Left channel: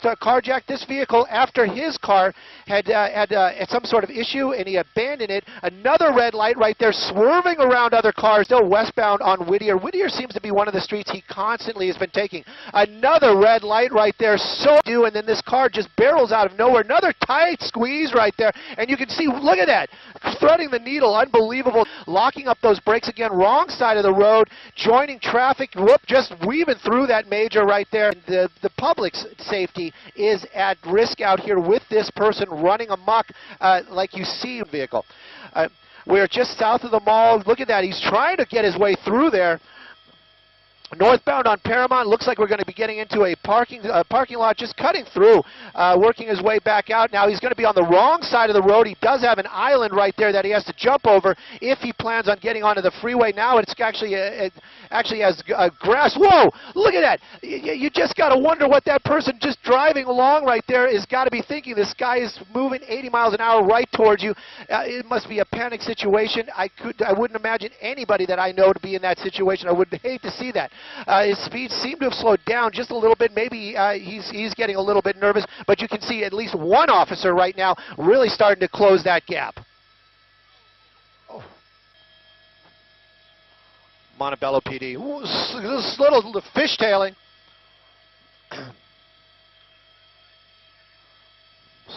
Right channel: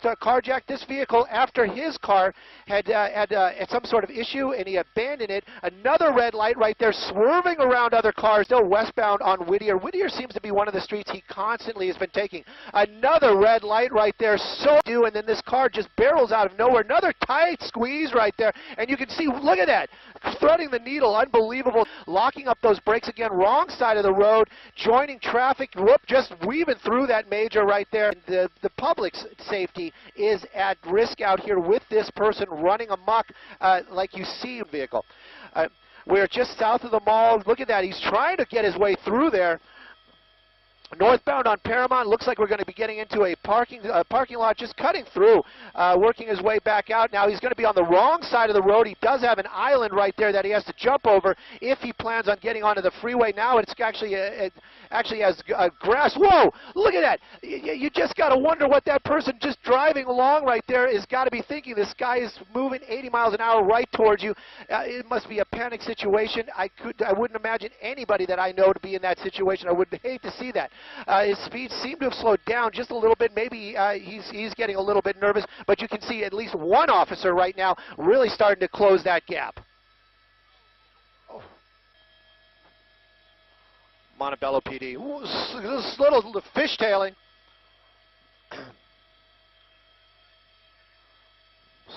carjacked this vehicle after his car had some sort of issue, and he abandoned it. Another red light right there, swerving around other cars, still westbound on Whittier. Whittier seems to be one of the streets he constantly has been taking. Another red light right there, so due, and then this car just barrels out of nowhere. Another tight squeeze right there, and you can see, look at that, threading the needle, unbelievable. Locking up those brakes again, wrong side of the road, joining traffic, whoop, just weaving through that major right there. The public's safety is at risk out here with this person running amok like you see in the vehicle. We're just south of the mall. Look at that. He's trying to get his way through there. Northbound on Paramount, looks like we're going to be getting into a parking lot, just cutting through, working his way back out. Now he's going to be on the wrong side of the road. He does have an island right there that he has to jump over if he plans on getting onto the freeway. Now it's actually has grass. Whoa, look at that. You just got to wonder what that person just driving along right there is got to be thinking. This guy is moving 80 miles an hour right towards you. It must be a panic situation. I wouldn't imagine anybody that I know to be in that situation. I would hate to see that. His speed seemed to have slowed down just a little bit. Maybe he's getting a little bit nervous, but you can see at least one officer right now really starting to close that gap. Oh. Montebello PD. Ooh, this little fishtailing.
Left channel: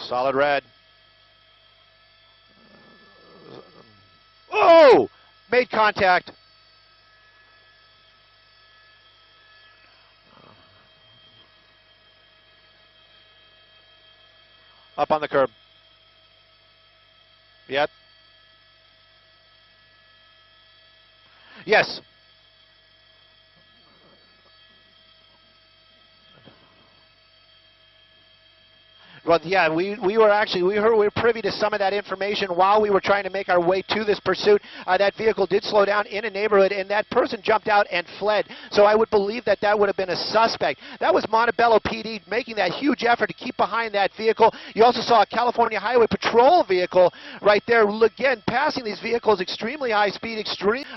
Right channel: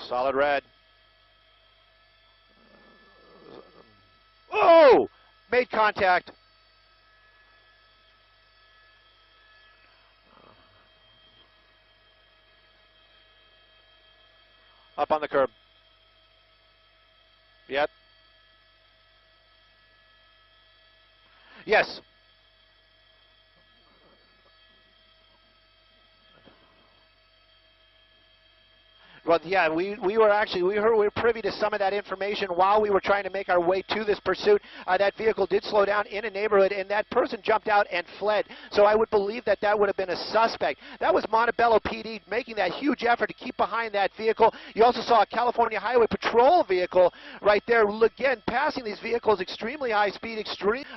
Solid red. Oh! Made contact. Up on the curb. Yep. Yes. Well, yeah, we were privy to some of that information while we were trying to make our way to this pursuit. That vehicle did slow down in a neighborhood, and that person jumped out and fled. So I would believe that that would have been a suspect. That was Montebello PD making that huge effort to keep behind that vehicle. You also saw a California Highway Patrol vehicle right there, again, passing these vehicles extremely high speed.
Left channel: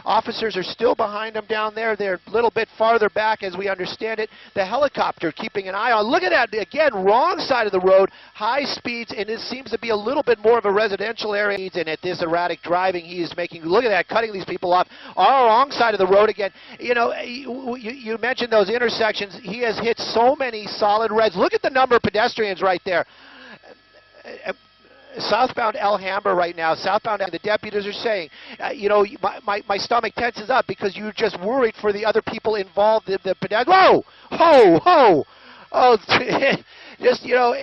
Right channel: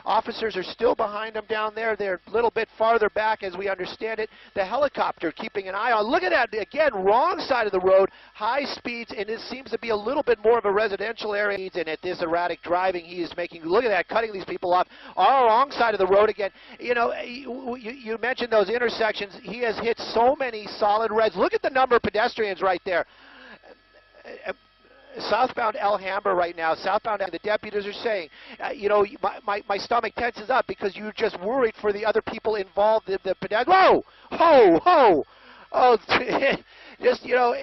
Officers are still behind them down there. They're a little bit farther back, as we understand it. The helicopter keeping an eye on. Look at that, again, wrong side of the road. High speeds, and it seems to be a little bit more of a residential area. And at this erratic driving, he is making, look at that, cutting these people off. On the wrong side of the road again. You know, you mentioned those intersections. He has hit so many solid reds. Look at the number of pedestrians right there. Southbound Alhambra right now, southbound, the deputies are saying, you know, my stomach tenses up because you're just worried for the other people involved, the pedestrians. Whoa! Ho! Ho! Oh, just, you know,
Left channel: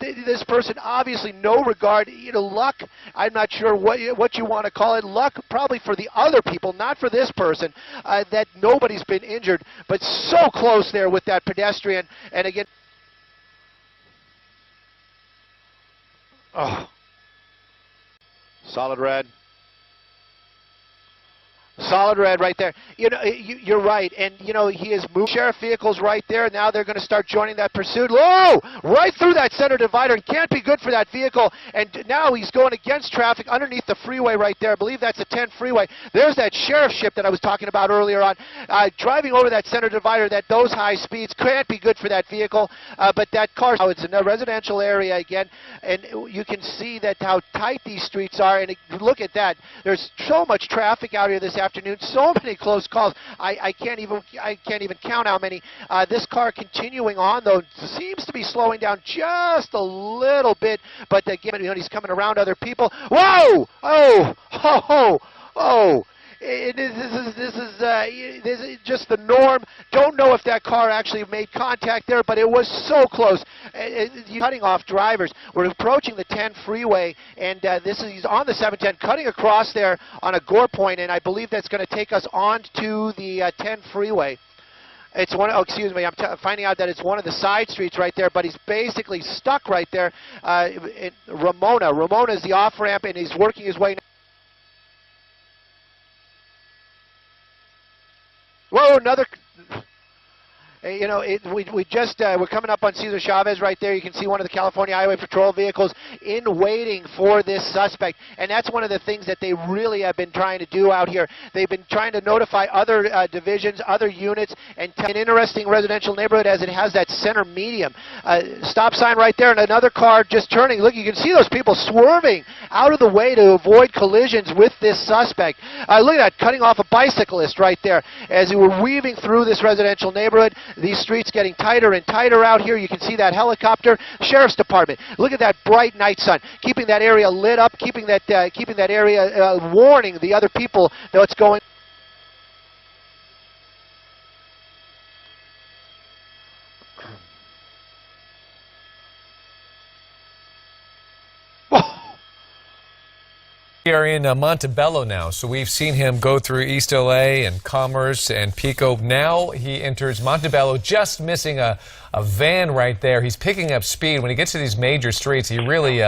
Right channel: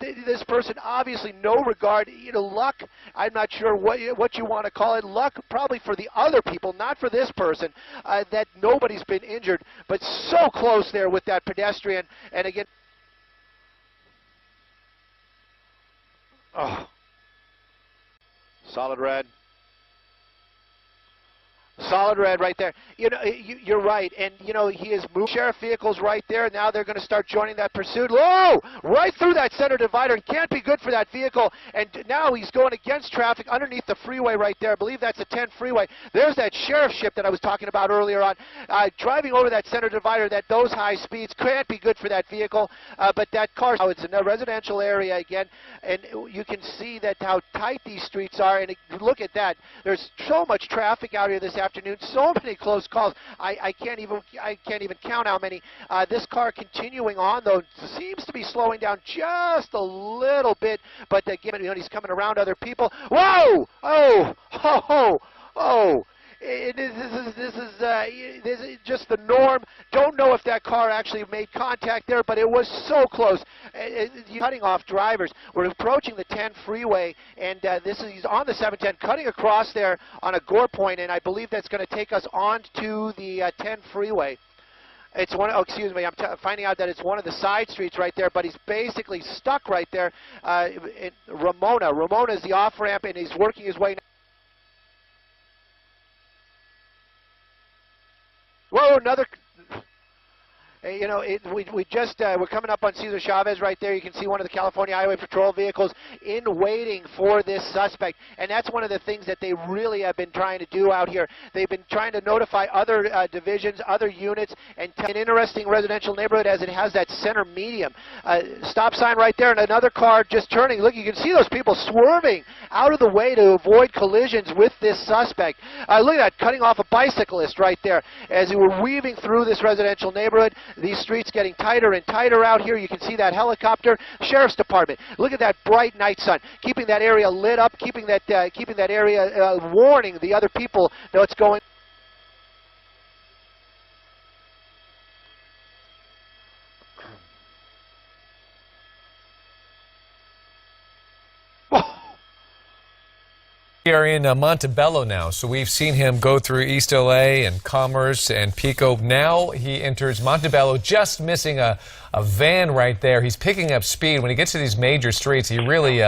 this person obviously no regard, you know, luck, I'm not sure what you want to call it, luck probably for the other people, not for this person, that nobody's been injured, but so close there with that pedestrian, and again, oh, solid red. Solid red right there. You know, you're right, and you know he is moving sheriff vehicles right there. Now they're going to start joining that pursuit. Whoa! Right through that center divider. It can't be good for that vehicle. And now he's going against traffic underneath the freeway right there. I believe that's the 10 freeway. There's that sheriff ship that I was talking about earlier on. Driving over that center divider, those high speeds can't be good for that vehicle. But that car, now it's in a residential area again, and you can see that how tight these streets are. And look at that. There's so much traffic out here this afternoon, so many close calls. I can't even count how many. This car continuing on though seems to be slowing down just a little bit, but again, you know, he's coming around other people. Whoa! Oh! Oh! Oh! Oh! This is just the norm. Don't know if that car actually made contact there, but it was so close. Cutting off drivers. We're approaching the 10 freeway, and he's on the 710, cutting across there on a gore point, and I believe that's going to take us on to the 10 freeway. It's one. Oh, excuse me. I'm finding out that it's one of the side streets right there, but he's basically stuck right there. Ramona is the off ramp, and he's working his way. Whoa, another. You know, we're coming up on Cesar Chavez right there. You can see one of the California Highway Patrol vehicles in waiting for this suspect, and that's one of the things that they really have been trying to do out here. They've been trying to notify other divisions, other units, and an interesting residential neighborhood as it has that center medium. Stop sign right there, and another car just turning. Look, you can see those people swerving out of the way to avoid collisions with this suspect. Look at that, cutting off a bicyclist right there as we were weaving through this residential neighborhood. These streets getting tighter and tighter out here. You can see that helicopter. Sheriff's Department. Look at that bright night sun, keeping that area lit up, keeping that area warning the other people that what's going. We are in Montebello now, so we've seen him go through East LA and Commerce and Pico. Now he enters Montebello, just missing a van right there. He's picking up speed. When he gets to these major streets, he really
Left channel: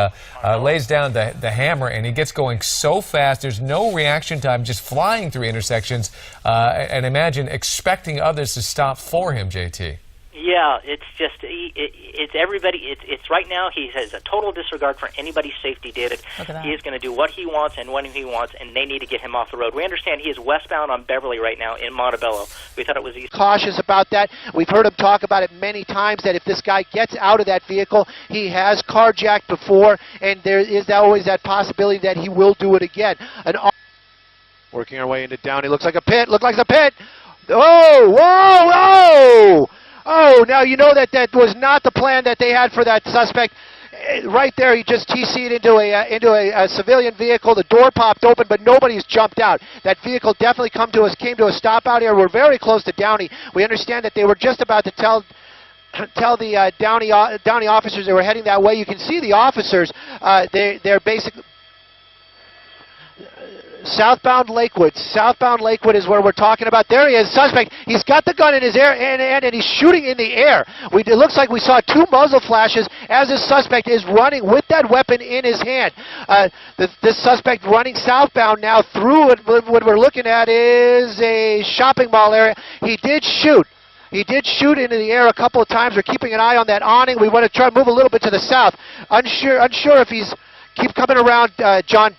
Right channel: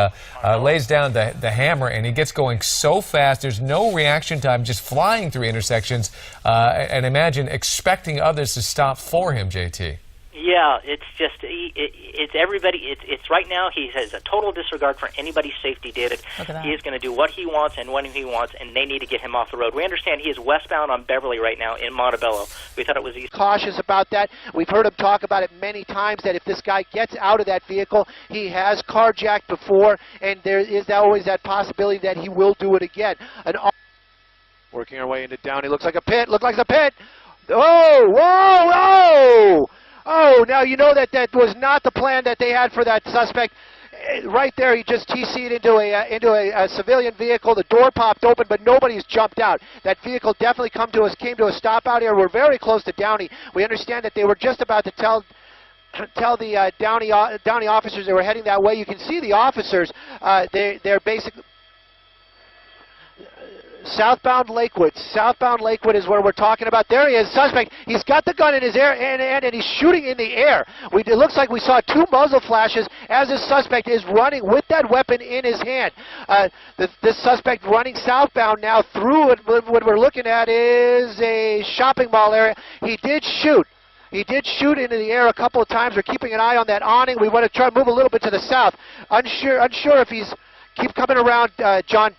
lays down the hammer, and he gets going so fast. There's no reaction time, just flying through intersections, and imagine expecting others to stop for him, JT. Yeah, it's just, it's everybody, it's right now he has a total disregard for anybody's safety, David. He is going to do what he wants and when he wants, and they need to get him off the road. We understand he is westbound on Beverly right now in Montebello. We thought it was east. Cautious about that. We've heard him talk about it many times, that if this guy gets out of that vehicle, he has carjacked before, and there is always that possibility that he will do it again. Working our way into Downey. Looks like a pit. Looks like a pit. Oh, whoa, whoa! Oh, now you know that was not the plan that they had for that suspect. Right there, he just TC'd into a civilian vehicle. The door popped open, but nobody's jumped out. That vehicle definitely came to a stop out here. We're very close to Downey. We understand that they were just about to tell the Downey officers they were heading that way. You can see the officers. They're basically southbound Lakewood. Southbound Lakewood is where we're talking about. There he is, suspect. He's got the gun in his hand, and he's shooting in the air. It looks like we saw two muzzle flashes as this suspect is running with that weapon in his hand. This suspect running southbound now through what we're looking at is a shopping mall area. He did shoot. He did shoot into the air a couple of times. We're keeping an eye on that awning. We want to try to move a little bit to the south. Unsure if he's keep coming around, John.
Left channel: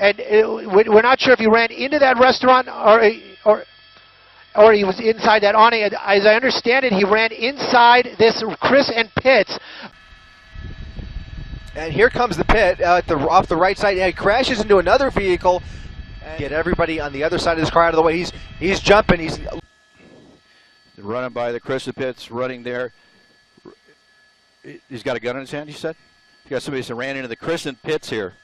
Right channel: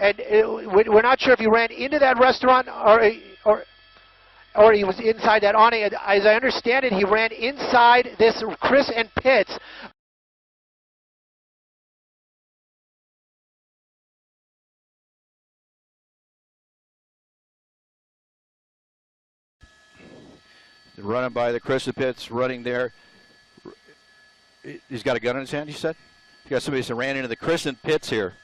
And we're not sure if he ran into that restaurant or he was inside that awning. As I understand it, he ran inside this Chris and Pitts. And here comes the pit off the right side. Yeah, he crashes into another vehicle. And get everybody on the other side of this car out of the way. He's jumping. He's running by the Chris and Pitts, running there. He's got a gun in his hand, you said? You got somebody that ran into the Chris and Pitts here.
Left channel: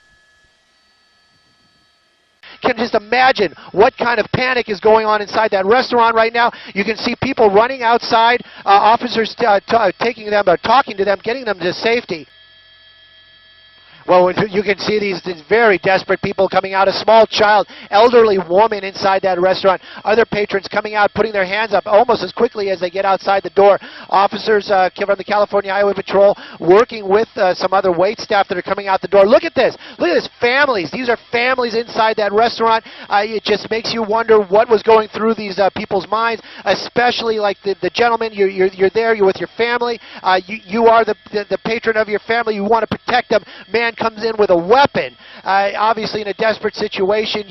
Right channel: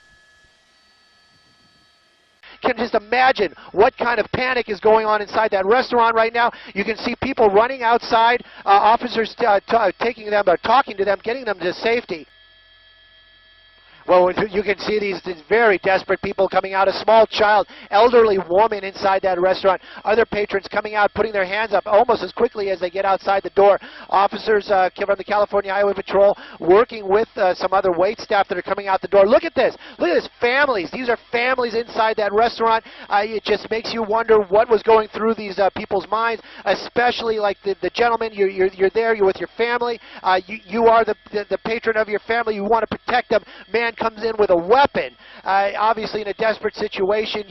Can just imagine what kind of panic is going on inside that restaurant right now. You can see people running outside, officers taking them or talking to them, getting them to safety. Well, you can see these very desperate people coming out. A small child, elderly woman inside that restaurant. Other patrons coming out, putting their hands up almost as quickly as they get outside the door. Officers from the California Highway Patrol working with some other wait staff that are coming out the door. Look at this. Look at this. Families. These are families inside that restaurant. It just makes you wonder what was going through these people's minds, especially like the gentleman. You're there. You're with your family. You are the patron of your family. You want to protect them. Man comes in with a weapon, obviously in a desperate situation.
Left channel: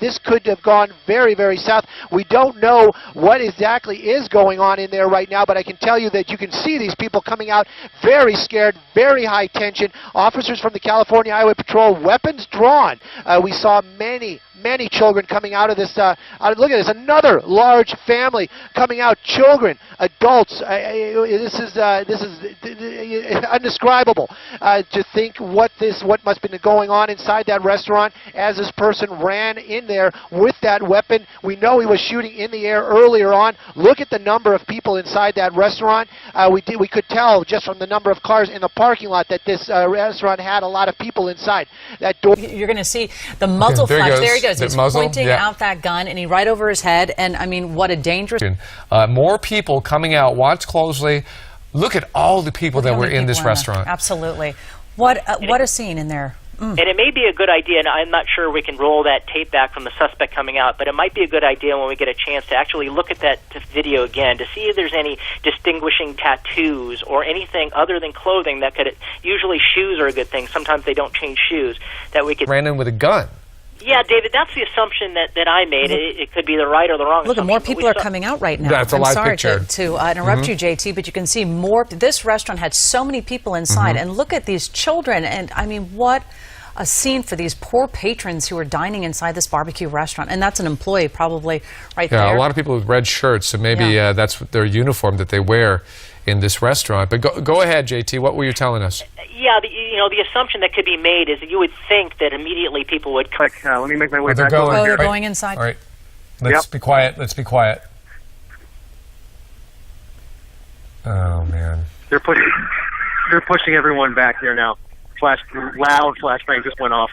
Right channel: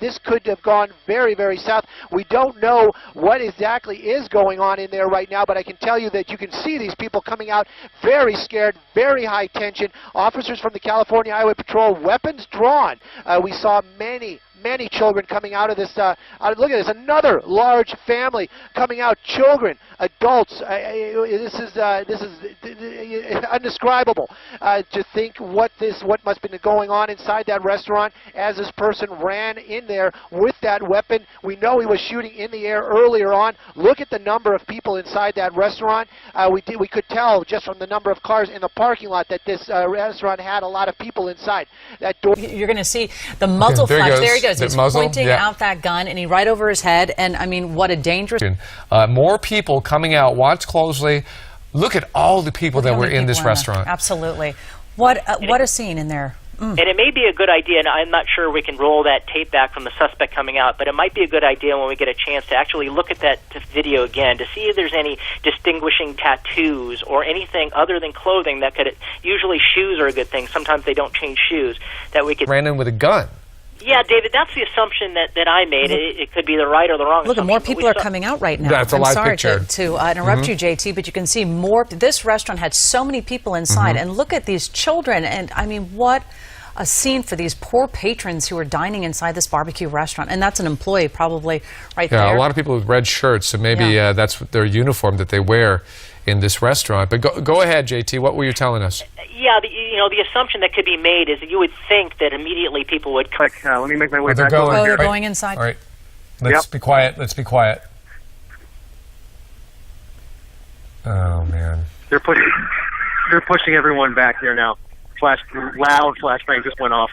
This could have gone very, very south. We don't know what exactly is going on in there right now, but I can tell you that you can see these people coming out very scared, very high tension. Officers from the California Highway Patrol, weapons drawn. We saw many children coming out of this. Look at this, another large family coming out. Children, adults. This is indescribable to think what must have been going on inside that restaurant as this person ran in there with that weapon. We know he was shooting in the air earlier on. Look at the number of people inside that restaurant. We could tell just from the number of cars in the parking lot that this restaurant had a lot of people inside. That door. You're going to see the muzzle flash. There he goes. He's muzzle, pointing out that gun, and he right over his head. And I mean, what a dangerous. More people coming out. Watch closely. Look at all the people that were in this restaurant. Absolutely. What a scene in there. And it may be a good idea, and I'm not sure we can roll that tape back from the suspect coming out, but it might be a good idea when we get a chance to actually look at that video again to see if there's any distinguishing tattoos or anything other than clothing that could, usually shoes are a good thing, sometimes they don't change shoes, that we could... Ran in with a gun. Yeah, David, that's the assumption that I made. It could be the right or the wrong Look, assumption. more people are coming out right now. That's a live I'm picture. sorry to interrupt you, JT, but you can see more. This restaurant had so many people inside, and look at these children. And I mean, what a scene for these poor patrons who are dining inside this barbecue restaurant. And that's an employee probably right there. Yeah, a lot of people with red shirts, so maybe that's their uniform that they wear in this restaurant. But go ahead, JT. What were you telling us? Yeah, the assumption that could be made is that you would think that immediately people would... Let me make my way back going. Oh, they're going inside? All right. Let's be quiet. Let's be quiet. Oh, man. They're pushing everyone back here now. Loud flashbang just went off.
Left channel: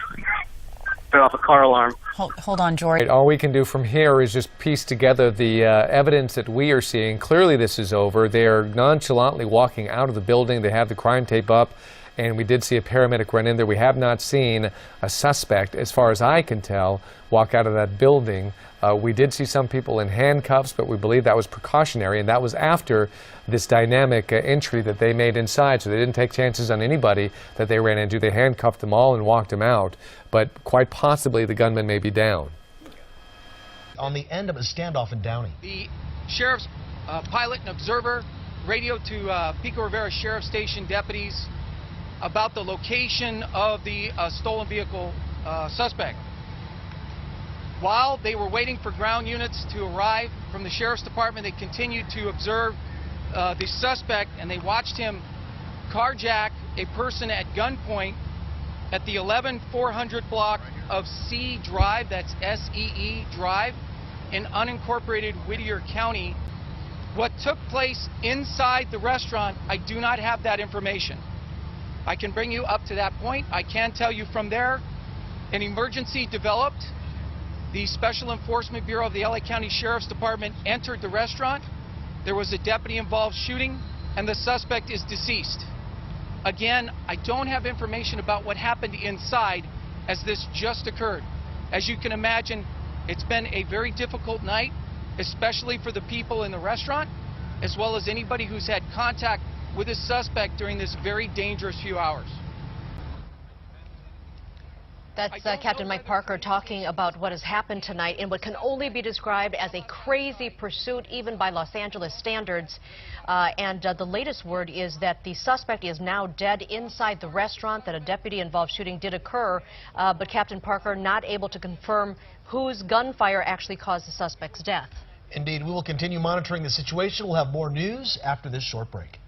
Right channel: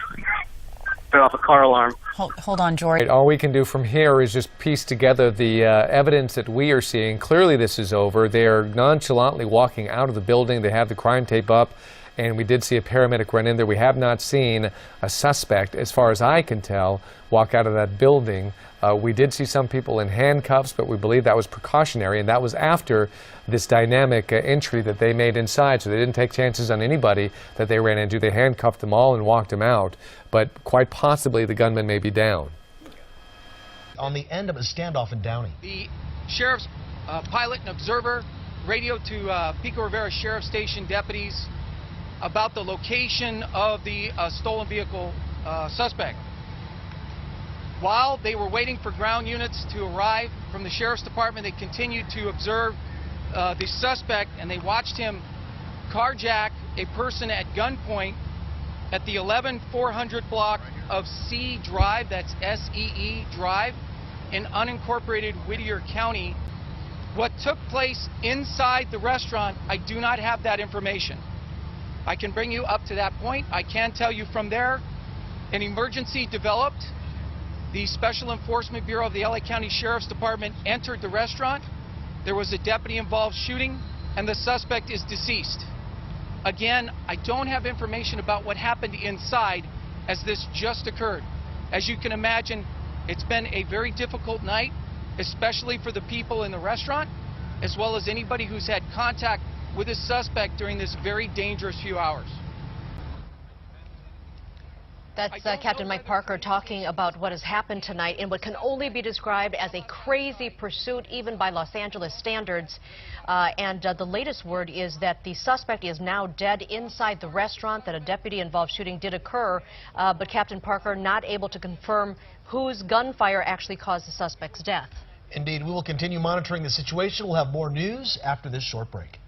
Set off a car alarm. Hold on, George. All we can do from here is just piece together the evidence that we are seeing. Clearly this is over. They are nonchalantly walking out of the building. They have the crime tape up, and we did see a paramedic run in there. We have not seen a suspect, as far as I can tell, walk out of that building. We did see some people in handcuffs, but we believe that was precautionary, and that was after this dynamic entry that they made inside, so they didn't take chances on anybody that they ran into. They handcuffed them all and walked them out, but quite possibly the gunman may be down. On the end of a standoff in Downey. The sheriff's pilot and observer radioed to Pico Rivera Sheriff Station deputies about the location of the stolen vehicle suspect. While they were waiting for ground units to arrive from the Sheriff's Department, they continued to observe the suspect, and they watched him carjack a person at gunpoint at the 11400 block of C Drive, that's S-E-E Drive, in unincorporated Whittier County. What took place inside the restaurant, I do not have that information. I can bring you up to that point. I can tell you from there, an emergency developed. The Special Enforcement Bureau of the LA County Sheriff's Department entered the restaurant. There was a deputy involved shooting, and the suspect is deceased. Again, I don't have information about what happened inside as this just occurred. As you can imagine, it's been a very difficult night, especially for the people in the restaurant, as well as anybody who's had contact with a suspect during this very dangerous few hours. That's Captain Mike Parker talking about what has happened tonight in what can only be described as a crazy pursuit, even by Los Angeles standards. The latest word is that the suspect is now dead inside the restaurant, that a deputy-involved shooting did occur, but Captain Parker not able to confirm whose gunfire actually caused the suspect's death. Indeed, we will continue monitoring the situation. We'll have more news after this short break.